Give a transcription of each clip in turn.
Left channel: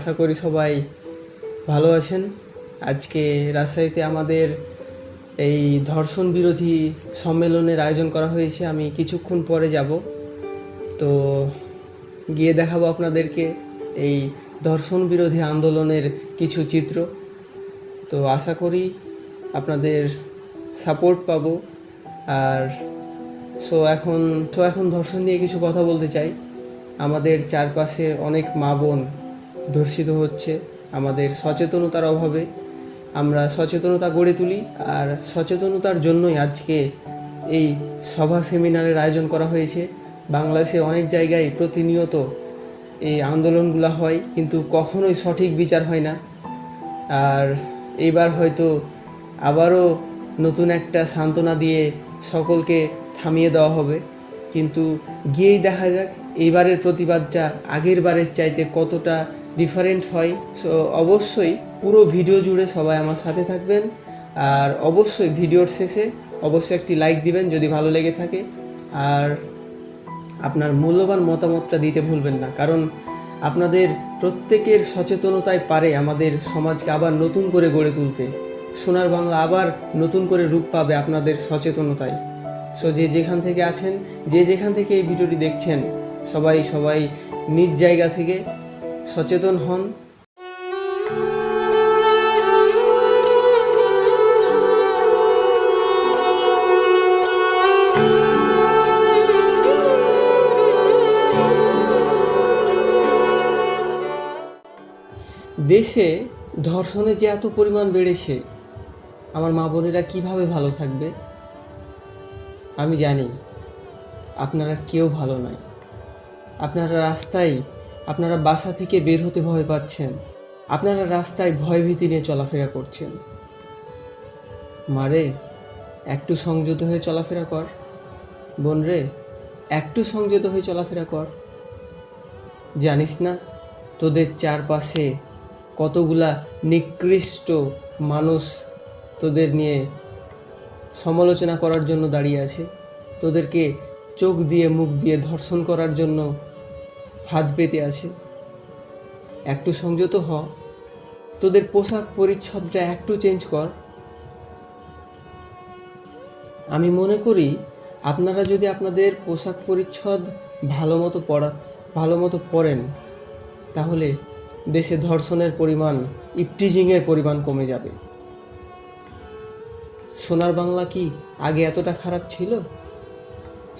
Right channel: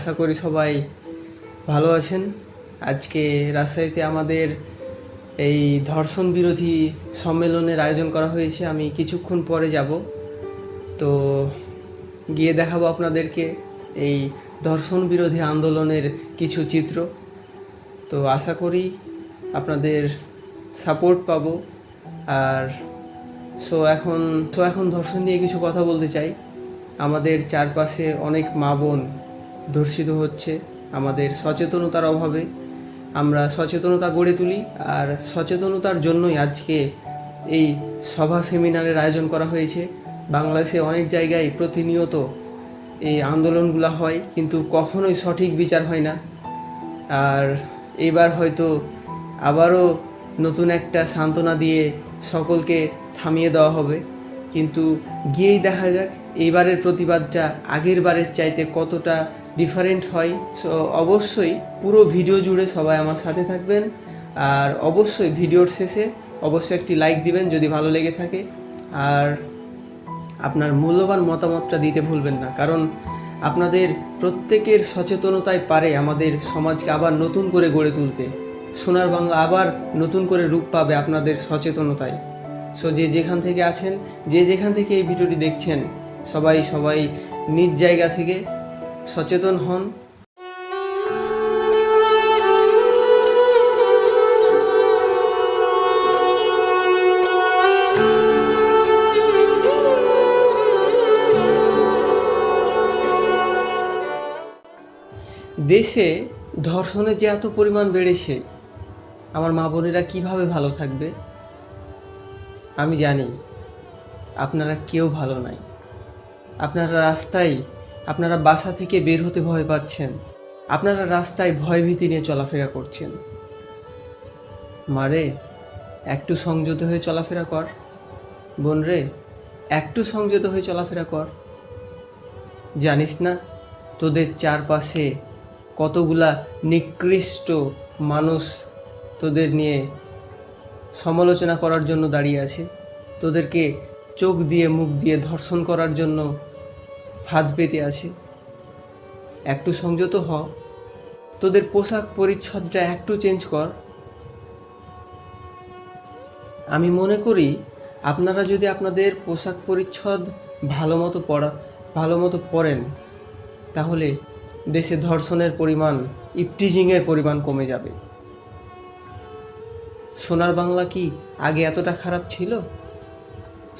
আশা করি সবাই ভালো আছেন। আজকে রাজশাহীতে আমাদের এই ধর্ষণ বিরোধী সম্মেলনের আয়োজন করা হয়েছে। আমি কিছুক্ষণ পরে যাব। তো গিয়ে দেখাবো আপনাদেরকে এই ধর্ষণ বিরোধী আন্দোলনের কিছু চিত্র। তো আশা করি আপনাদের সাপোর্ট পাবো। আর সো এখন সো এখন ধর্ষণ নিয়ে কিছু কথা বলতে চাই। আমাদের চারপাশে অনেক মা বোন ধর্ষিত হচ্ছে আমাদের সচেতনতার অভাবে। আমরা সচেতনতা গড়ে তুলি আর সচেতনতার জন্যই আজকে এই সভা সেমিনারের আয়োজন করা হয়েছে। বাংলাদেশে অনেক জায়গায় প্রতিনিয়ত এই আন্দোলনগুলো হয়, কিন্তু কখনোই সঠিক বিচার হয় না। আর এবার হয়তো আবারও নতুন একটা সান্ত্বনা দিয়ে সকলকে থামিয়ে দেওয়া হবে। কিন্তু গিয়েই দেখা যাক এইবারের প্রতিবাদটা আগের বারের চাইতে কতটা ডিফারেন্ট হয়। সো অবশ্যই পুরো ভিডিও জুড়ে সবাই আমার সাথে থাকবেন। আর অবশ্যই ভিডিওর শেষে অবশ্যই একটি লাইক দিবেন যদি ভালো লেগে থাকে। আর আপনার মূল্যবান মতামতটা দিতে ভুলবেন না। কারণ আপনাদের প্রত্যেকের সচেতনতায় পারে আমাদের সমাজকে আবার নতুন করে গড়ে তুলতে। সোনার বাংলা আবার নতুন করে রূপ পাবে আপনাদের সচেতনতায়। সো যে যেখান থেকে আছেন, যে যেখান থেকে এই ভিডিওটি দেখছেন, সবাই সবাই নিজ জায়গা থেকে সচেতন হন। দেশে ধর্ষণের যে এত পরিমাণ বেড়েছে, আমার মা বোনেরা কীভাবে ভালো থাকবে? আমি জানি, আপনারা কেউ ভালো নাই। আপনারা রাস্তায় আপনারা বাসা থেকে বের হতে ভয় পাচ্ছেন। আপনারা রাস্তায় ভয়ভীতি নিয়ে চলাফেরা করছেন। মারে, একটু সংযত হয়ে চলাফেরা কর। বোন রে একটু সংযত হয়ে চলাফেরা কর। জানিস না, তোদের চারপাশে কতগুলা নিকৃষ্ট মানুষ তোদের নিয়ে সমালোচনা করার জন্য দাঁড়িয়ে আছে। তোদেরকে চোখ দিয়ে, মুখ দিয়ে ধর্ষণ করার জন্য হাত পেতে আছে। একটু সংযত হ। তোদের পোশাক পরিচ্ছদটা একটু চেঞ্জ কর। আমি মনে করি আপনারা যদি আপনাদের পোশাক পরিচ্ছদ ভালো মতো পরা, ভালো মতো পরেন, তাহলে দেশে ধর্ষণের পরিমাণ, ইপটিজিংয়ের পরিমাণ কমে যাবে। সোনার বাংলা কি আগে এতটা খারাপ ছিল?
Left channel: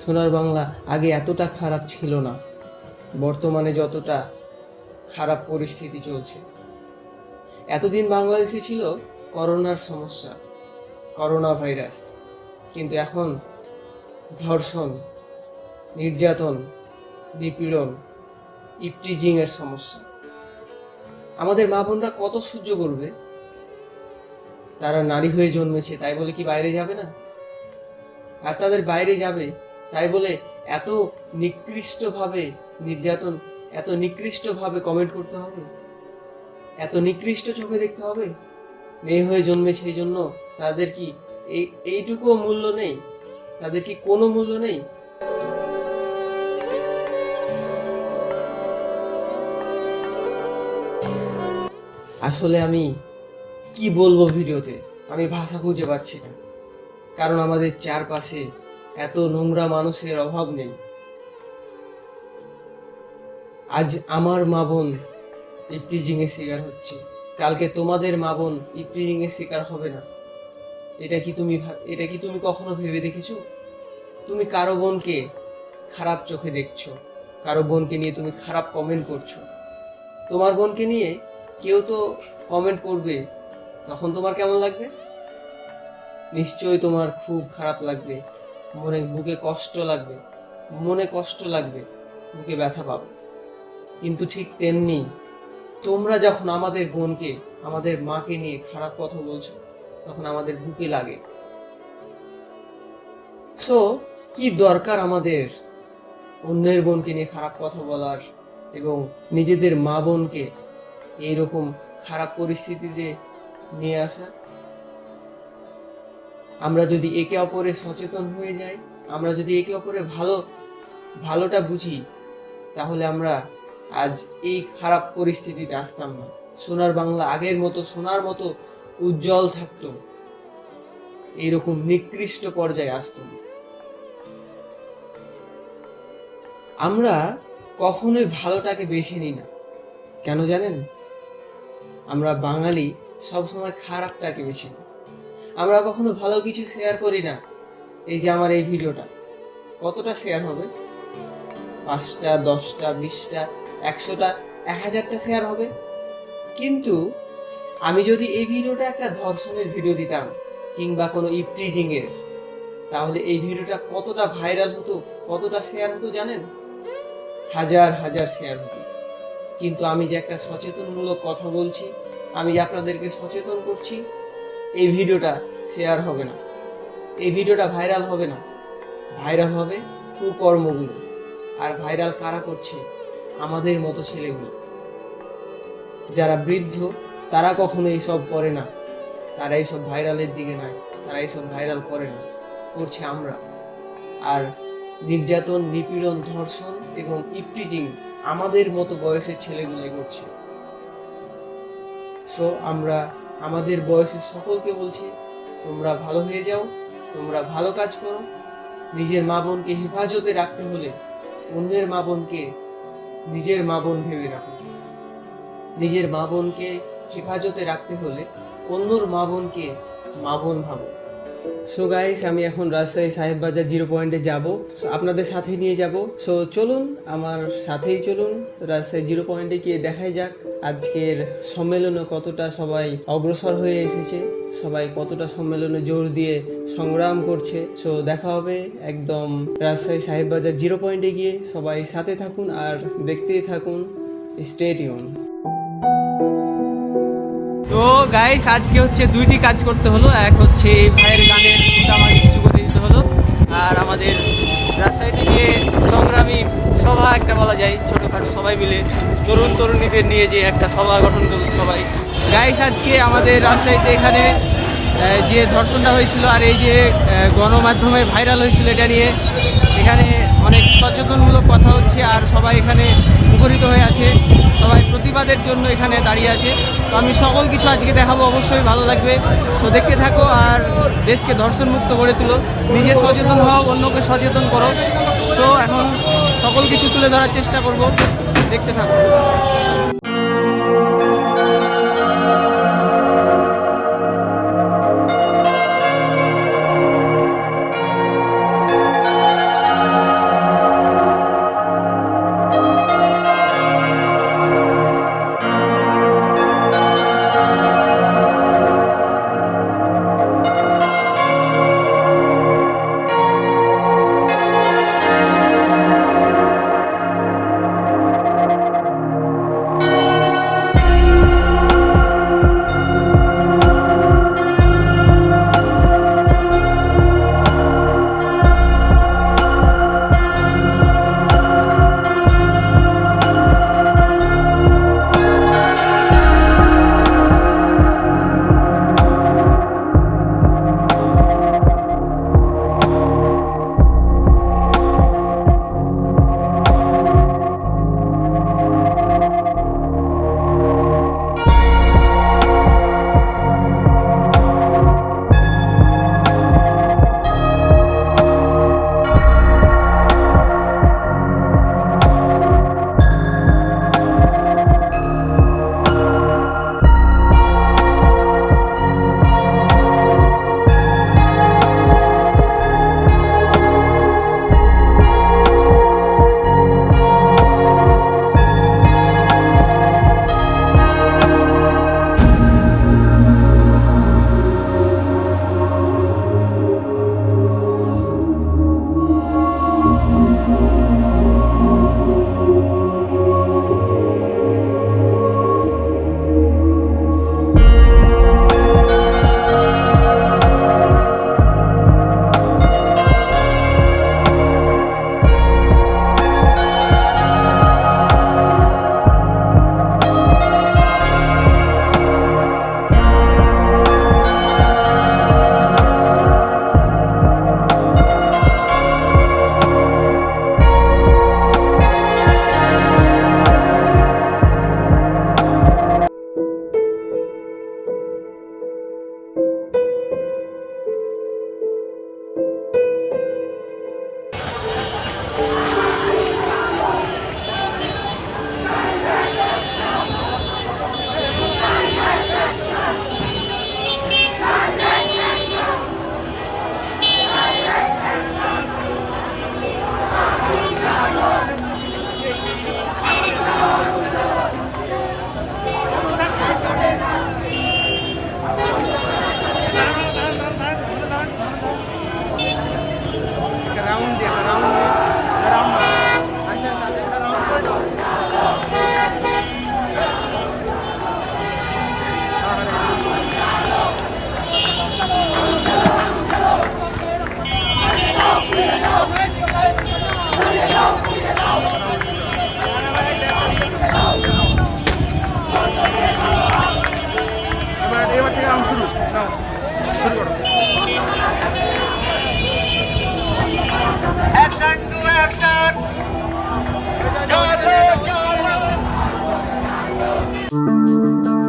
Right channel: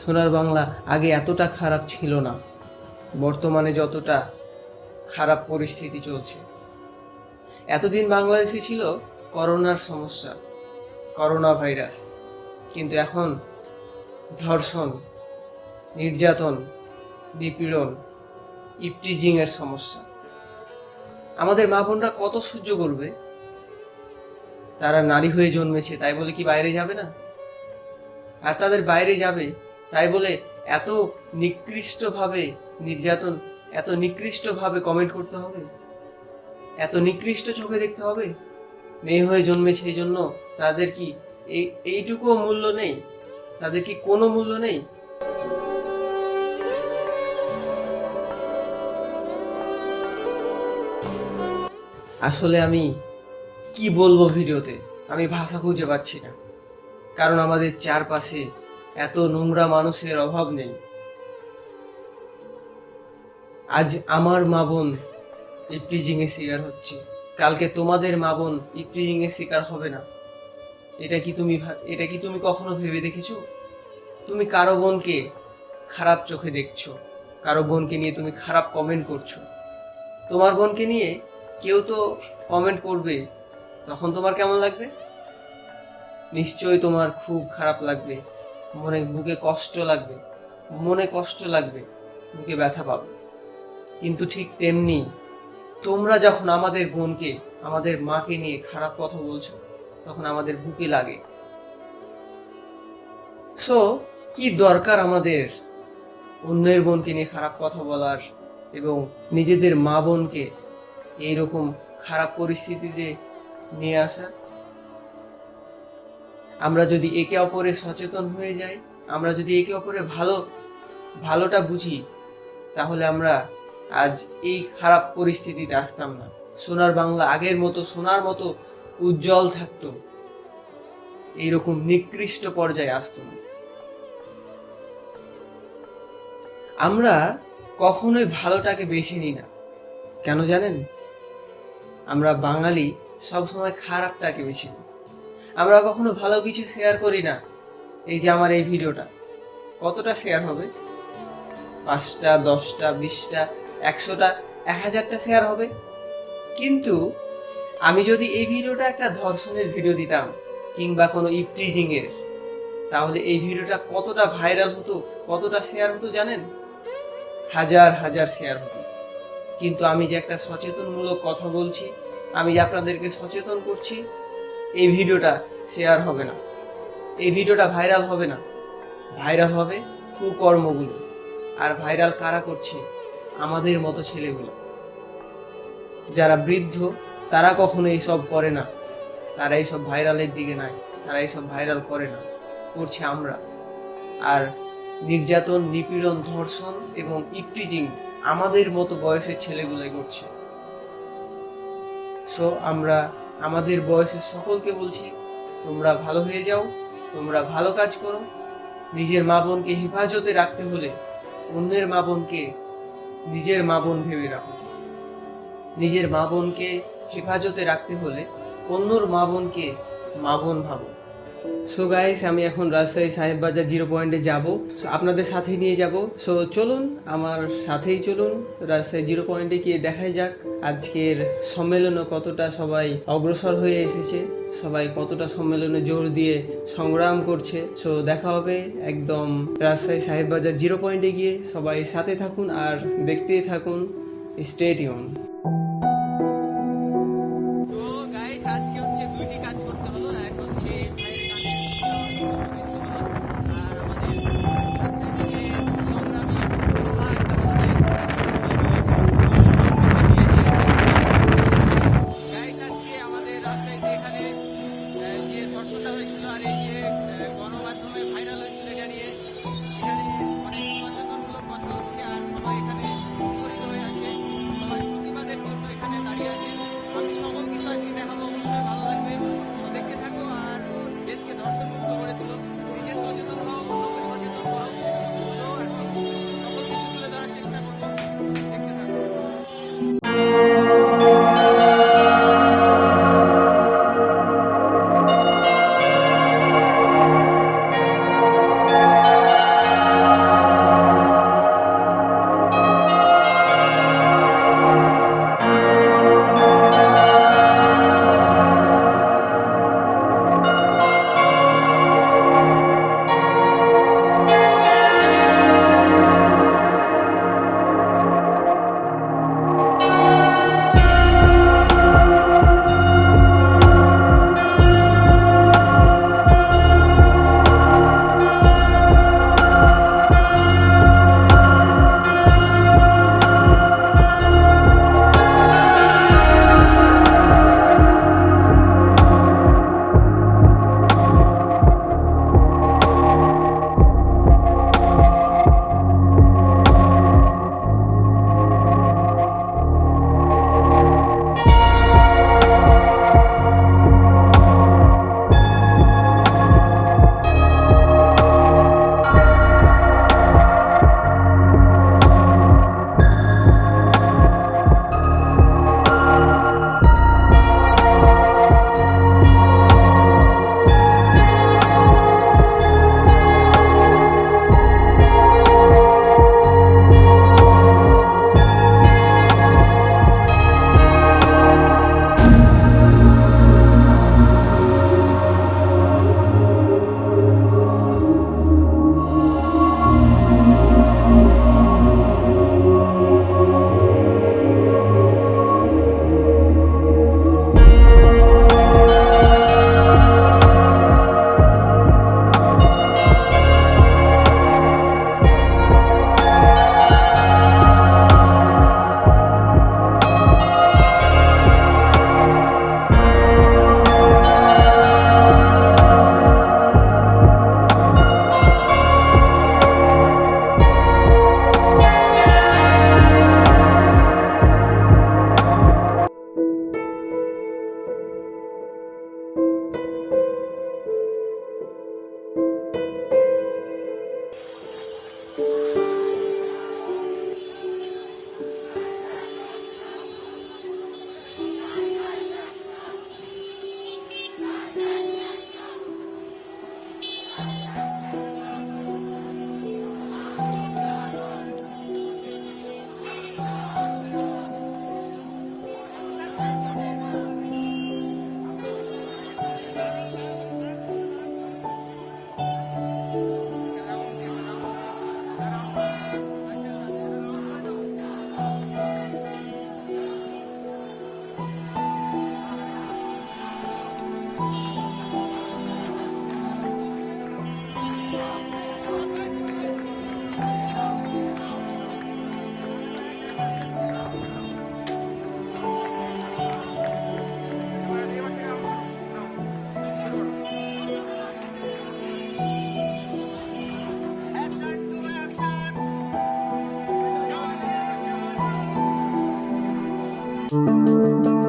সোনার বাংলা আগে এতটা খারাপ ছিল না। বর্তমানে যতটা খারাপ পরিস্থিতি চলছে। এতদিন বাংলাদেশে ছিল করোনার সমস্যা, করোনা ভাইরাস, কিন্তু এখন ধর্ষণ, নির্যাতন, নিপীড়ন ইপটিজিংয়ের সমস্যা। আমাদের মা বোনরা কত সহ্য করবে? তারা নারী হয়ে জন্মেছে, তাই বলে কি বাইরে যাবে না? আর তাদের বাইরে যাবে, তাই বলে এত নিকৃষ্টভাবে নির্যাতন এত নিকৃষ্টভাবে কমেন্ট করতে হবে? এত নিকৃষ্ট চোখে দেখতে হবে? মেয়ে হয়ে জন্মেছে এই জন্য তাদের কি এই, এইটুকুও মূল্য নেই? তাদের কি কোনো মূল্য নেই? আসলে আমি কি বলব ভিডিওতে? আমি ভাষা খুঁজে পাচ্ছি না। কারণ আমাদের চারপাশে এত নোংরা মানুষের অভাব নেই। আজ আমার মা বোন ইপ্রিজিং এর শিকার হচ্ছে। কালকে তোমাদের মা বোন ইপ্রিজিং এর শিকার হবে না। এটা কি তুমি এটা কি তুমি কখনো ভেবে দেখেছ? তুমি কারও বোনকে খারাপ চোখে দেখছ। কারও বোনকে নিয়ে তুমি খারাপ কমেন্ট করছ। তোমার বোনকে নিয়ে কেউ তো কমেন্ট করবে। তখন তোমার কেমন লাগবে? নিশ্চয়ই তোমার খুব খারাপ লাগবে। মনে বুকে কষ্ট লাগবে। মনে কষ্ট লাগবে। বুকে ব্যথা পাবে। কিন্তু ঠিক তেমনি তোমরা যখন আমাদের বোনকে, আমাদের মাকে নিয়ে খারাপ কথা বলছো, তখন আমাদের বুকে লাগে। সো কি দরকার আমাদের অন্যের বোনকে নিয়ে খারাপ কথা বলার এবং নিজেদের মা বোনকে এইরকম খারাপ পরিস্থিতিতে নিয়ে আসা? আমরা যদি একে অপরে সচেতন হয়ে যাই, আমরা যদি একে অপরে ভালো, ভালোটা বুঝি, তাহলে আমরা আজ এই খারাপ পরিস্থিতিতে আসতাম না। সোনার বাংলা আগের মতো, সোনার মতো উজ্জ্বল থাকতো। এইরকম নিকৃষ্ট পর্যায়ে আসতো। আমরা কখনোই ভালোটাকে বেছে নিই না। কেন জানেন? আমরা বাঙালি সবসময় খারাপটাকে বেছে নিই। আমরা কখনো ভালো কিছু শেয়ার করি না। এই যে আমার এই ভিডিওটা কতটা শেয়ার হবে? পাঁচটা, দশটা, বিশটা একশোটা এক হাজারটা শেয়ার হবে। কিন্তু আমি যদি এই ভিডিওটা একটা ধর্ষণের ভিডিও দিতাম কিংবা কোনো ইপটিজিং এর, তাহলে এই ভিডিওটা কতটা ভাইরাল হতো, কতটা শেয়ার হতো জানেন? হাজার হাজার শেয়ার হতো। কিন্তু আমি যে একটা সচেতনমূলক কথা বলছি, আমি যে আপনাদেরকে সচেতন করছি, এই ভিডিওটা শেয়ার হবে না। এই ভিডিওটা ভাইরাল হবে না। ভাইরাল হবে কুকর্মগুলো। আর ভাইরাল কারা করছে? আমাদের মতো ছেলেগুলো। যারা বৃদ্ধ, তারা কখনো এইসব করে না। তারা এইসব ভাইরালের দিকে নাই, তারা এইসব ভাইরাল করে না। করছে আমরা। আর নির্যাতন, নিপীড়ন, ধর্ষণ এবং ইপটিজিং আমাদের মতো বয়সের ছেলেগুলোই করছে। সো আমরা আমাদের বয়সের সকলকে বলছি, তোমরা ভালো হয়ে যাও, তোমরা ভালো কাজ করো। নিজের মা বোনকে হেফাজতে রাখতে হলে অন্যের মা বোনকে নিজের মা বোন ভেবে রাখো। নিজের মা বোনকে হেফাজতে রাখতে হলে অন্যর মা বোনকে মা বোন ভাবো। সো গাইস আমি এখন রাজশাহী সাহেব বাজার জিরো পয়েন্টে যাব। So, আপনাদের সাথে নিয়ে যাব। সো চলুন আমার সাথেই চলুন। রাজশাহী জিরো পয়েন্টে গিয়ে দেখাই যাক আজকের সম্মেলনে কতটা সবাই অগ্রসর হয়ে এসেছে সবাই কতটা সম্মেলনে জোর দিয়ে সংগ্রাম করছে। সো দেখা হবে একদম রাজশাহী সাহেব বাজার জিরো পয়েন্টে গিয়ে। সবাই সাথে থাকুন আর দেখতেই থাকুন। ইউন তো গাইস আজকে হচ্ছে দুইটি কাজ করতে হলো। এক হচ্ছে এই ভাইয়ের গানের আমাকে কিছু করে দিতে হলো। আর আমাদের রাজশাহীতে যে সংগ্রামী সভা একটা বলা যায়। ছোটোখাটো সবাই মিলে তরুণ তরুণীদের নিয়ে যে একটা সভা গঠন করল সবাই। গাইস আজকে আমাদের রাজশাহীতে এখানে যে ধর্ষণটা হয়েছিল আর এই যে গণমাধ্যমে ভাইরাল হয়েছিল এটা নিয়ে এখানে অনেক সচেতনমূলক কথা হচ্ছে। আর সবাই এখানে মুখরিত হয়ে আছে। সবাই প্রতিবাদের জন্য এখানে দাঁড়িয়ে আছে। তো আমি সকল কিছু আজকে দেখাবো, অবশ্যই ভালো লাগবে। তো দেখতে থাকো আর দেশকে দর্শনমুক্ত মুক্ত করে তুলো। নিজে সচেতন হও, অন্যকে সচেতন করো। তো এখন সকল কিছু তুলে ধরার চেষ্টা করব। দেখতে থাকো। Música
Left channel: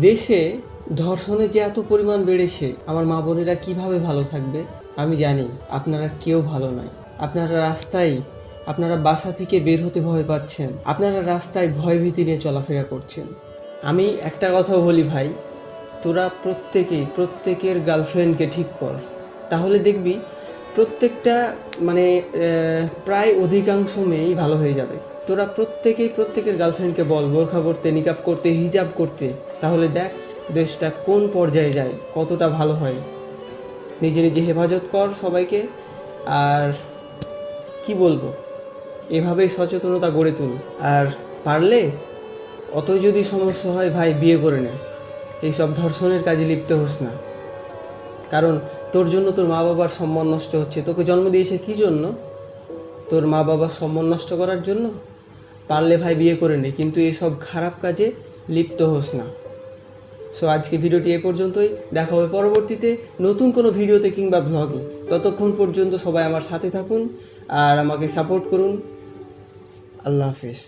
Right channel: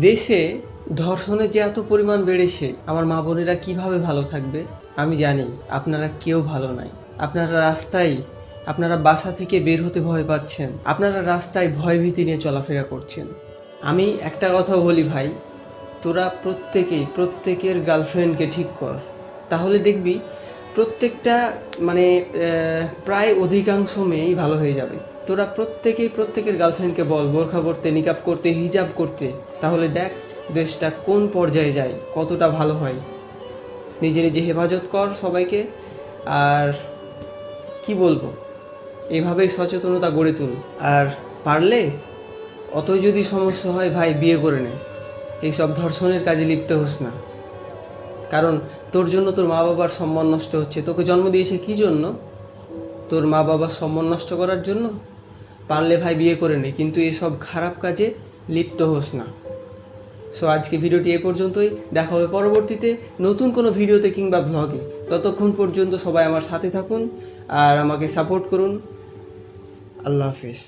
দেশে ধর্ষণের যে এত পরিমাণ বেড়েছে, আমার মা বোনেরা কীভাবে ভালো থাকবে? আমি জানি, আপনারা কেউ ভালো নাই। আপনারা রাস্তায়, আপনারা বাসা থেকে বের হতে ভয় পাচ্ছেন। আপনারা রাস্তায় ভয় ভীতি নিয়ে চলাফেরা করছেন। আমি একটা কথা বলি ভাই, তোরা প্রত্যেকেই, প্রত্যেকের গার্লফ্রেন্ডকে ঠিক কর। তাহলে দেখবি, প্রত্যেকটা মানে প্রায় অধিকাংশ মেয়েই ভালো হয়ে যাবে। তোরা প্রত্যেকেই প্রত্যেকের গার্লফ্রেন্ডকে বল, বোরখা করতে নিকাব করতে হিজাব করতে। তাহলে দেখ দেশটা কোন পর্যায়ে যায়, কতটা ভালো হয়। নিজে নিজে হেফাজত কর সবাইকে, আর কি বলব? এভাবেই সচেতনতা গড়ে তুল। আর পারলে অত যদি সমস্যা হয়, ভাই, বিয়ে করে নে। এইসব ধর্ষণের কাজে লিপ্ত হোস না। কারণ তোর জন্য তোর মা বাবার সম্মান নষ্ট হচ্ছে। তোকে জন্ম দিয়েছে কি জন্য? তোর মা বাবার সম্মান নষ্ট করার জন্য? পারলে ভাই বিয়ে করে নে, কিন্তু এসব খারাপ কাজে লিপ্ত হোস না। সো আজকে ভিডিওটি এ পর্যন্তই। দেখা হবে পরবর্তীতে নতুন কোনো ভিডিওতে কিংবা ব্লগে ততক্ষণ পর্যন্ত সবাই আমার সাথে থাকুন আর আমাকে সাপোর্ট করুন। আল্লাহ হাফিজ।